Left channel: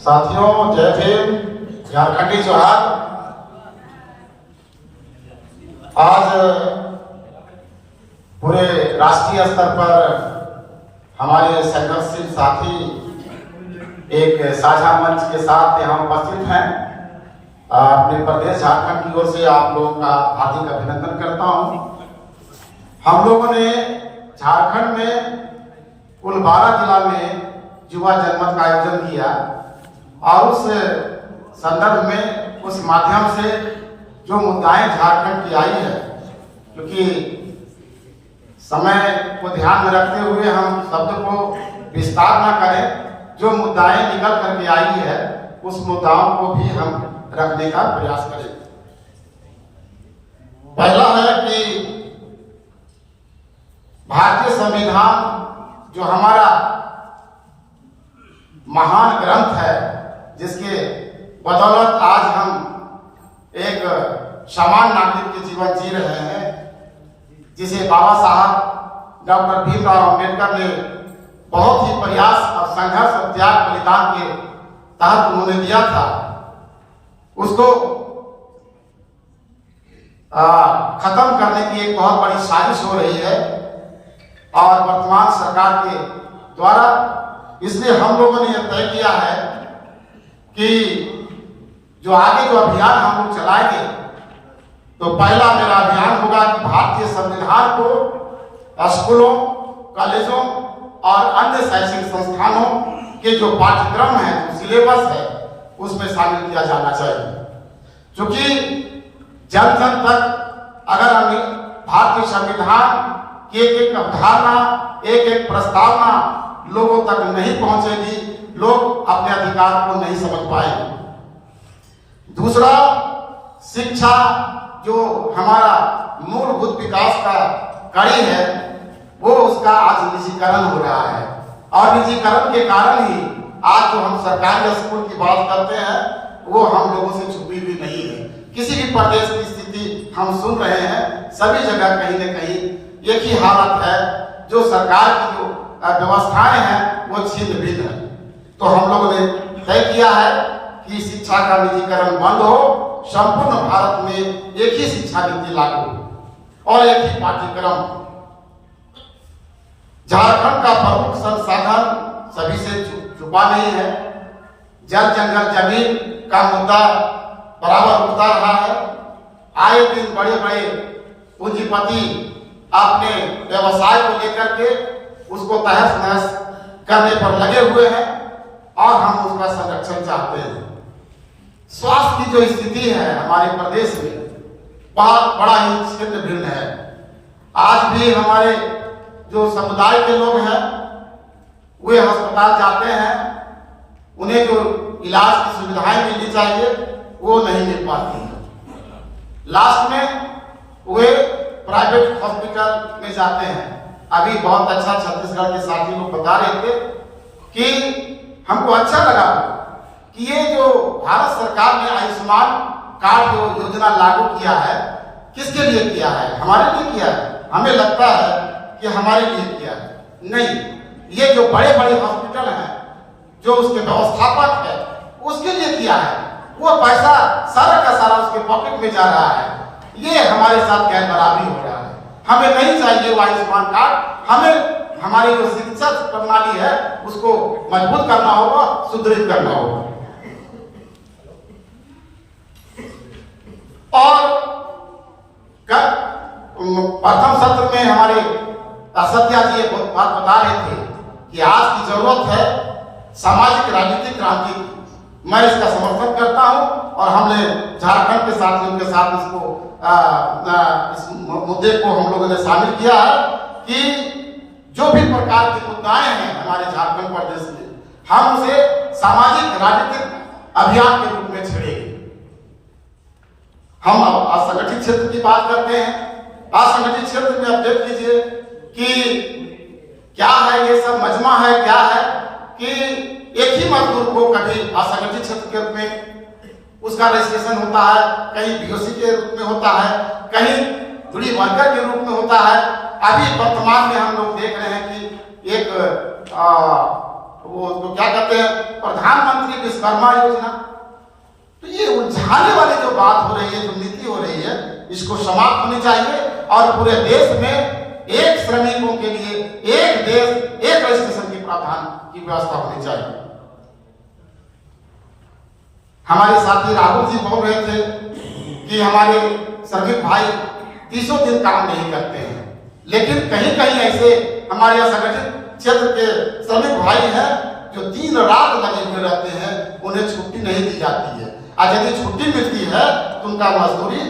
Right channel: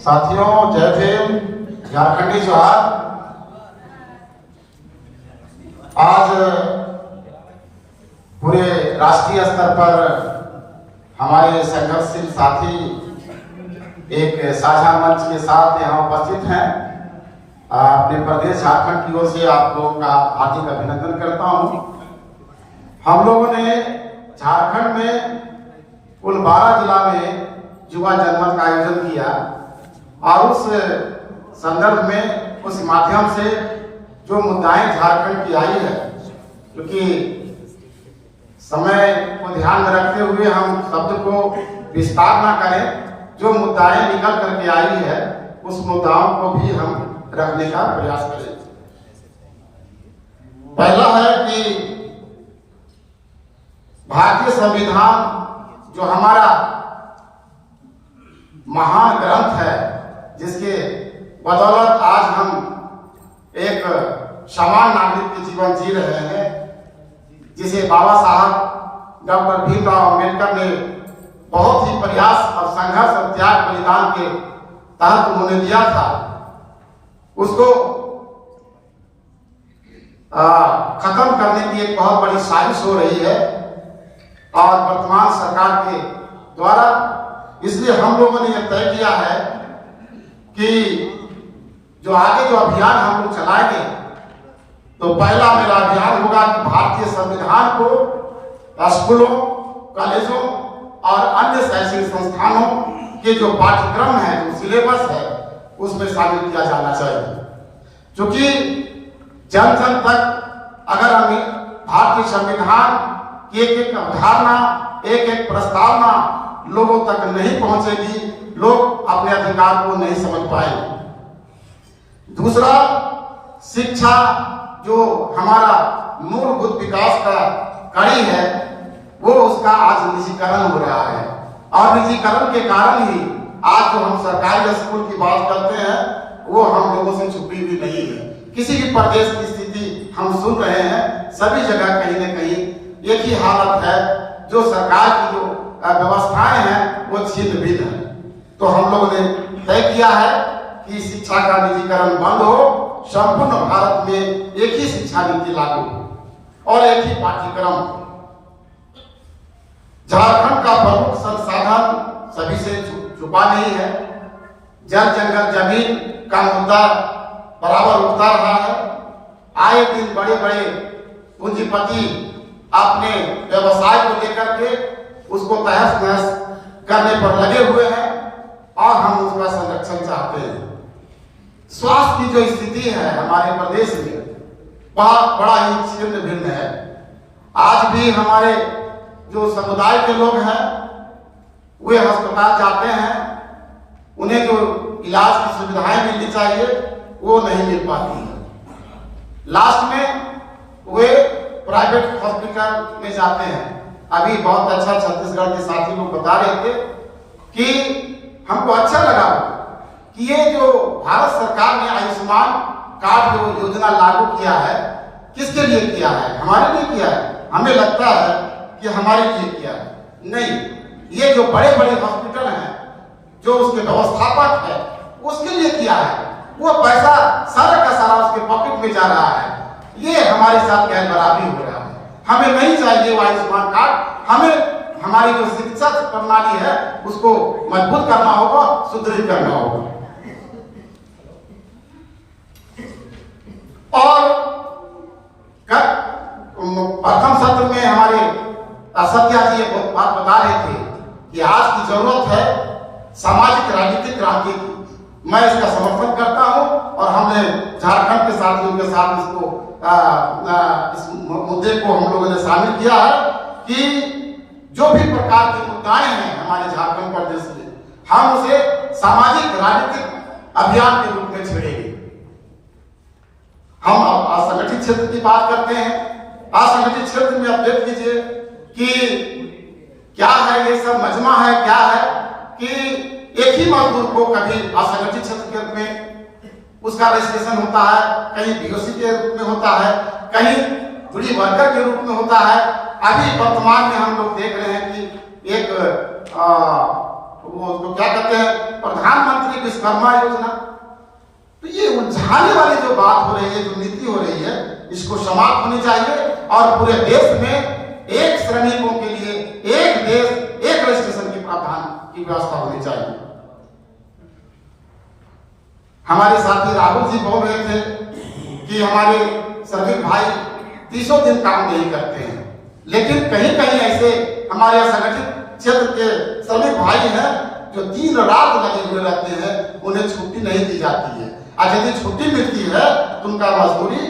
साथियों, जय भीम, झारखंडी जोहार। आज पूरे राष्ट्रीय स्तर पर हमारे संघर्षशील साथी एक साझा मंच के साथ यहाँ उपस्थित हैं। अपने प्रदेश झारखंड की ओर से आप लोगों का हार्दिक अभिनंदन करता हूँ। हम लोगों ने झारखंड में कुल 12 जिला में युवा जनमत का आयोजन किया और उस संदर्भ में उस माध्यम से जो मुद्दाएं झारखंड की आई है, क्योंकि समय को ध्यान में रखते हुए हम शब्द को विस्तार न करें, जो मुद्दाएं निकल करके आई है उस मुद्दाओं को भी हम रखने का प्रयास करें। पहला है कि भारतीय संविधान जो हमारा महान ग्रंथ है, जिसके बदौलत आज हम एक सामान्य नागरिक के जीवन जी रहे हैं, जिसे बाबा साहब डॉक्टर भीमराव अम्बेडकर ने बहुत ही प्रयास और संघर्ष और त्याग बलिदान के तहत उन्होंने दिया था, उसको खत्म करने की एक बहुत बड़ी साजिश हो रही है और वर्तमान सरकार के द्वारा। इसलिए हम लोगों ने यह तय किया है कि जो आगे जो अभियान हम लोग चलाएंगे, तो पहला मेरा अभियान होगा कि भारतीय संविधान को स्कूलों, कॉलेजों और अन्य शैक्षिक संस्थानों के जो पाठ्यक्रम है, जो सिलेबस है, उसमें शामिल किया जाना चाहिए। क्योंकि जन जन तक अगर हम भारतीय संविधान की एक अवधारणा, एक प्रस्तावना लोगों तक नहीं पहुंचेगी, लोग अपने अधिकार को नहीं समझ पाएंगे। दूसरा, शिक्षा जो हमारा मूलभूत विकास का कड़ी है, वो उसका आज निजीकरण हो रहा है और निजीकरण के कारण ही आज जो हम सरकारी स्कूल की बात करते हैं, वो हम लोगों से छुपी हुई नहीं है। किसी भी प्रदेश की स्थिति हम सुन रहे हैं, सभी जगह कहीं न कहीं एक ही हालत है, जो सरकार की जो व्यवस्थाएं हैं वो छिन्न भिन्न है। तो हम लोगों ने तय किया है कि शिक्षा का निजीकरण बंद हो, संपूर्ण भारत में एक ही शिक्षा नीति लागू हो और एक ही पाठ्यक्रम। झारखंड का प्रमुख संसाधन सभी से छुपा नहीं है। जल जंगल जमीन का मुद्दा बराबर उठता रहा है। आए दिन बड़े बड़े पूंजीपति अपने व्यवसाय को लेकर के उसको तहस नहस करने पर लगे हुए हैं और हम उसका संरक्षण चाहते हैं। स्वास्थ्य की जो स्थिति है हमारे प्रदेश में, बहुत बड़ा ही छिन्न भिन्न है। आज भी हमारे जो समुदाय के लोग हैं, वे अस्पताल जाते हैं, उन्हें जो इलाज की सुविधाएं मिलनी चाहिए वो नहीं मिल पाती है। लास्ट में वे प्राइवेट हॉस्पिटल में जाते हैं। अभी बहुत अच्छा छत्तीसगढ़ के साथी लोग बता रहे थे कि हमको अच्छा लगा कि ये जो भारत सरकार ने आयुष्मान कार्ड को योजना लागू किया है, किसके लिए किया है? हमारे लिए किया है। हमें लगता है कि हमारे लिए किया है। नहीं, ये जो बड़े बड़े हॉस्पिटल हैं, जो उसके व्यवस्थापक है, उसके लिए किया है। वो पैसा सारा का सारा उसके पॉकेट में जा रहा है। ये हमारे साथ गैर बराबरी हो रहा है। हमें नहीं चाहिए वो आयुष्मान कार्ड। हमें हमारी जो शिक्षा प्रणाली है उसको मजबूत करना होगा, सुदृढ़ करना होगा। और प्रथम सत्र में हमारे सत्या जी एक बात बता रहे थे कि आज की जरूरत है सामाजिक राजनीतिक क्रांति की। मैं इसका समर्थन करता हूं और हमने झारखंड के साथियों के साथ इसको इस मुद्दे को हम लोगों ने शामिल किया है कि जो भी प्रकार के मुद्दाएं हैं हमारे झारखंड प्रदेश में, हम उसे सामाजिक राजनीतिक अभियान के रूप में छेड़ेंगे। हम असंगठित क्षेत्र की बात करते हैं। असंगठित क्षेत्र में आप देख लीजिए कि क्या है, ये सब मजमा है, क्या है कि एक ही मजदूर को कभी असंगठित क्षेत्र के रूप में उसका रजिस्ट्रेशन होता है, कहीं बीओसी के रूप में होता है, कहीं गुड़ी वर्कर के रूप में होता है। अभी वर्तमान में हम लोग देख रहे हैं कि एक वो तो क्या कहते हैं, प्रधानमंत्री विश्वकर्मा योजना। तो ये उलझाने वाली जो बात हो रही है, जो नीति हो रही है, इसको समाप्त होनी चाहिए और पूरे देश में एक श्रमिकों के लिए एक देश एक रजिस्ट्रेशन के प्रावधान की व्यवस्था होनी चाहिए। हमारे साथी राहुल जी बोल रहे थे कि हमारे श्रमिक भाई 30 दिन काम नहीं करते हैं, लेकिन कहीं कहीं ऐसे हमारे संगठित क्षेत्र के श्रमिक भाई हैं जो दिन रात लगे हुए रहते हैं, उन्हें छुट्टी नहीं दी जाती है, और यदि छुट्टी मिलती है तो उनका मजदूरी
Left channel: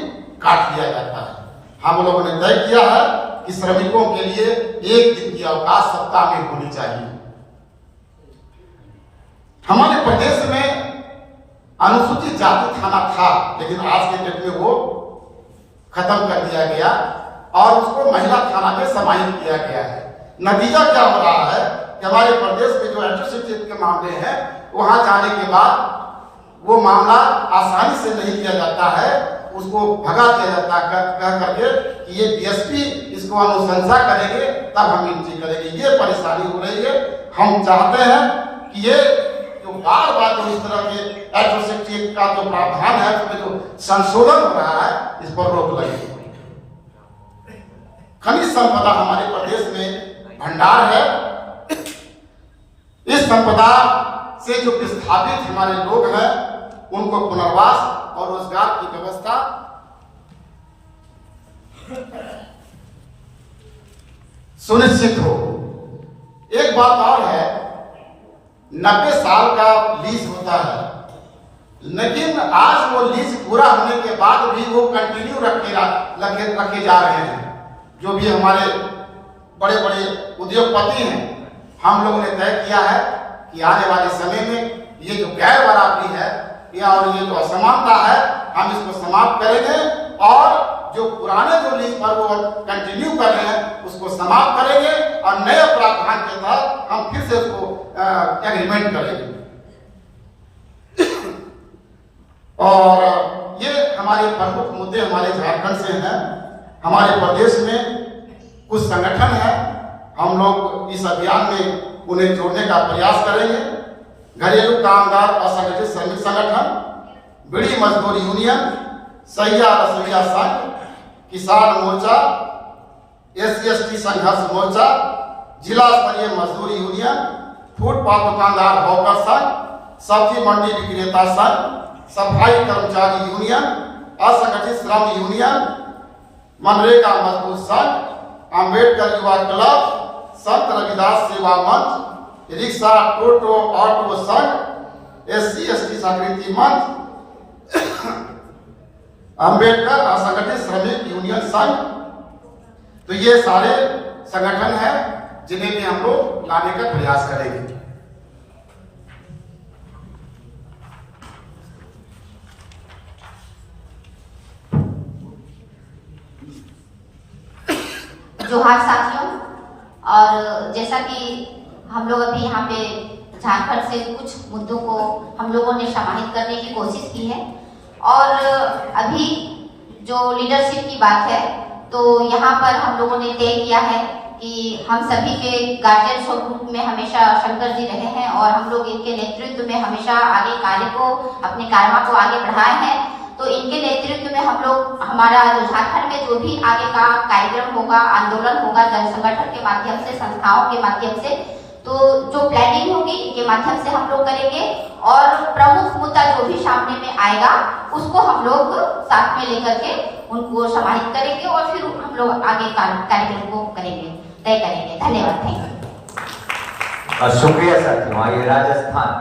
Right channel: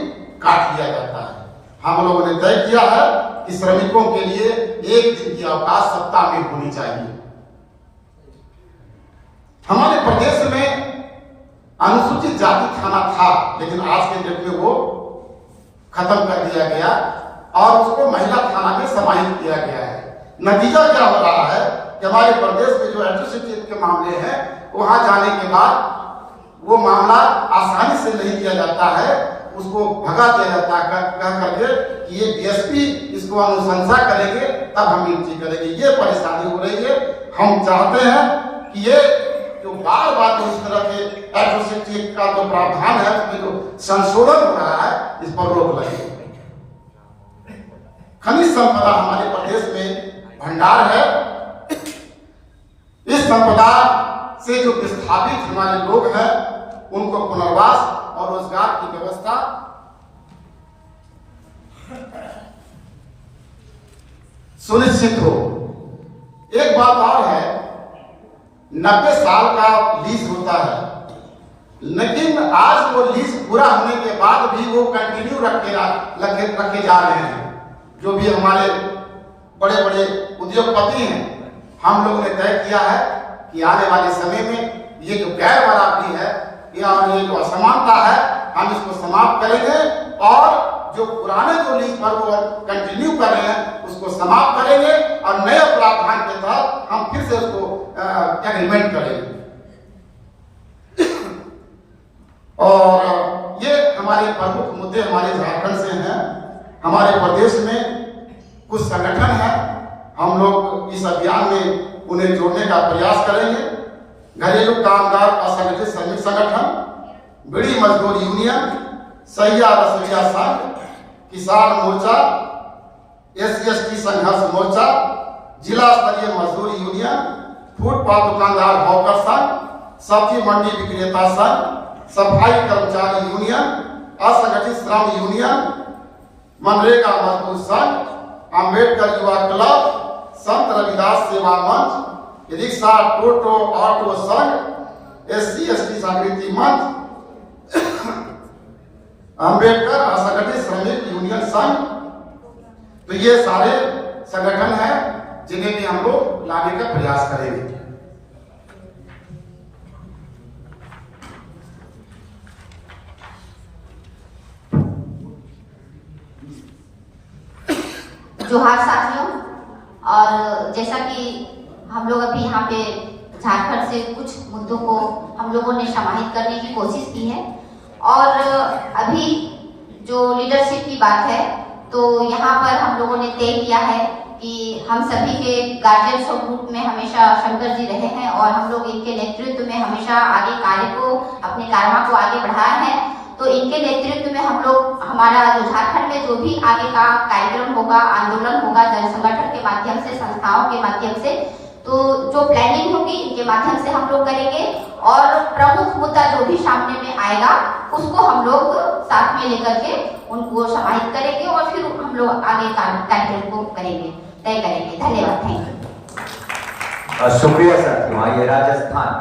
काट लिया जाता है। हम लोगों ने तय किया है कि श्रमिकों के लिए एक दिन की अवकाश सप्ताह में होनी चाहिए। हमारे प्रदेश में अनुसूचित जाति थाना था, लेकिन आज के डेट में वो खत्म कर दिया गया और उसको महिला थाना में समाहित किया गया है। नतीजा क्या हो रहा है कि हमारे प्रदेश के जो एट्रोसिटी के मामले हैं, वहां जाने के बाद वो मामला आसानी से नहीं किया जाता है, उसको भगा दिया जाता है कह करके कि ये डीएसपी इसको अनुशंसा करेंगे तब हम एंट्री करेंगे। ये परेशानी हो रही है। हम चाहते हैं कि ये जो बार बार इस तरह के एट्रोसिटी का जो प्रावधान है, जो संशोधन हो रहा है, इस पर रोक लगे। खनिज संपदा हमारे प्रदेश में भंडार है। इस संपदा से जो विस्थापित हमारे लोग हैं, उनको पुनर्वास और रोजगार की व्यवस्था सुनिश्चित हो। एक बात और है, 90 साल का लीज होता है, लेकिन आज वो लीज पूरा होने के बाद भी वो कंटिन्यू रखे जा रहे हैं। जो भी हमारे बड़े बड़े उद्योगपति हैं, हम लोगों ने तय किया है कि आने वाले समय में ये जो गैर बराबरी है या और ये जो असमानता है, हम इसको समाप्त करेंगे और जो पुराने जो लीज पर वो कंटिन्यू कर रहे हैं उसको समाप्त करेंगे और नए प्रावधान के तहत हम फिर से उसको एग्रीमेंट करेंगे। और ये हमारे प्रमुख मुद्दे हमारे झारखंड से हैं। हमारे प्रदेश में कुछ संगठन है, हम लोग इस अभियान में उन्हें जोड़ने का प्रयास करेंगे। घरेलू कामगार असंगठित श्रमिक संगठन, बीड़ी मजदूर यूनियन, सैया रसोइया संघ, किसान मोर्चा, SC/ST संघर्ष मोर्चा, जिला स्तरीय मजदूर यूनियन, फुटपाथ दुकानदार हॉकर संघ, सब्जी मंडी विक्रेता संघ, सफाई कर्मचारी यूनियन, असंगठित श्रम यूनियन, मनरेगा मजदूर संघ, अम्बेडकर युवा क्लब, संत रविदास सेवा मंच, रिक्शा टोटो ऑटो संघ, SC/ST जागृति मंच, अम्बेडकर असंगठित श्रमिक यूनियन संघ। तो ये सारे संगठन हैं जिन्हें भी हम लोग लाने का प्रयास करेंगे। जोहार साथियों, और जैसा कि हम लोग अभी यहाँ पे झारखंड से कुछ मुद्दों को हम लोगों ने समाहित करने की कोशिश की है, और अभी जो लीडरशिप की बात है, तो यहाँ पर हम लोगों ने तय किया है कि हम सभी के गार्जियन स्वरूप में हमेशा शंकर जी रहे हैं और हम लोग इनके नेतृत्व में हमेशा आगे कार्य को, अपने कार्यक्रम को आगे बढ़ाए हैं। तो इनके नेतृत्व में हम लोग, हमारा जो झारखंड में जो भी आगे का कार्यक्रम होगा, आंदोलन होगा, जन संगठन के माध्यम से, संस्थाओं के माध्यम से, तो जो प्लानिंग होगी इनके माध्यम से हम लोग करेंगे और प्रमुख मुद्दा जो भी सामने में आएगा उसको हम लोग साथ में लेकर के उनको समाहित करेंगे और फिर हम लोग आगे कार्यक्रम को करेंगे, तय करेंगे। धन्यवाद। Thank you. शुक्रिया साथियों। ये राजस्थान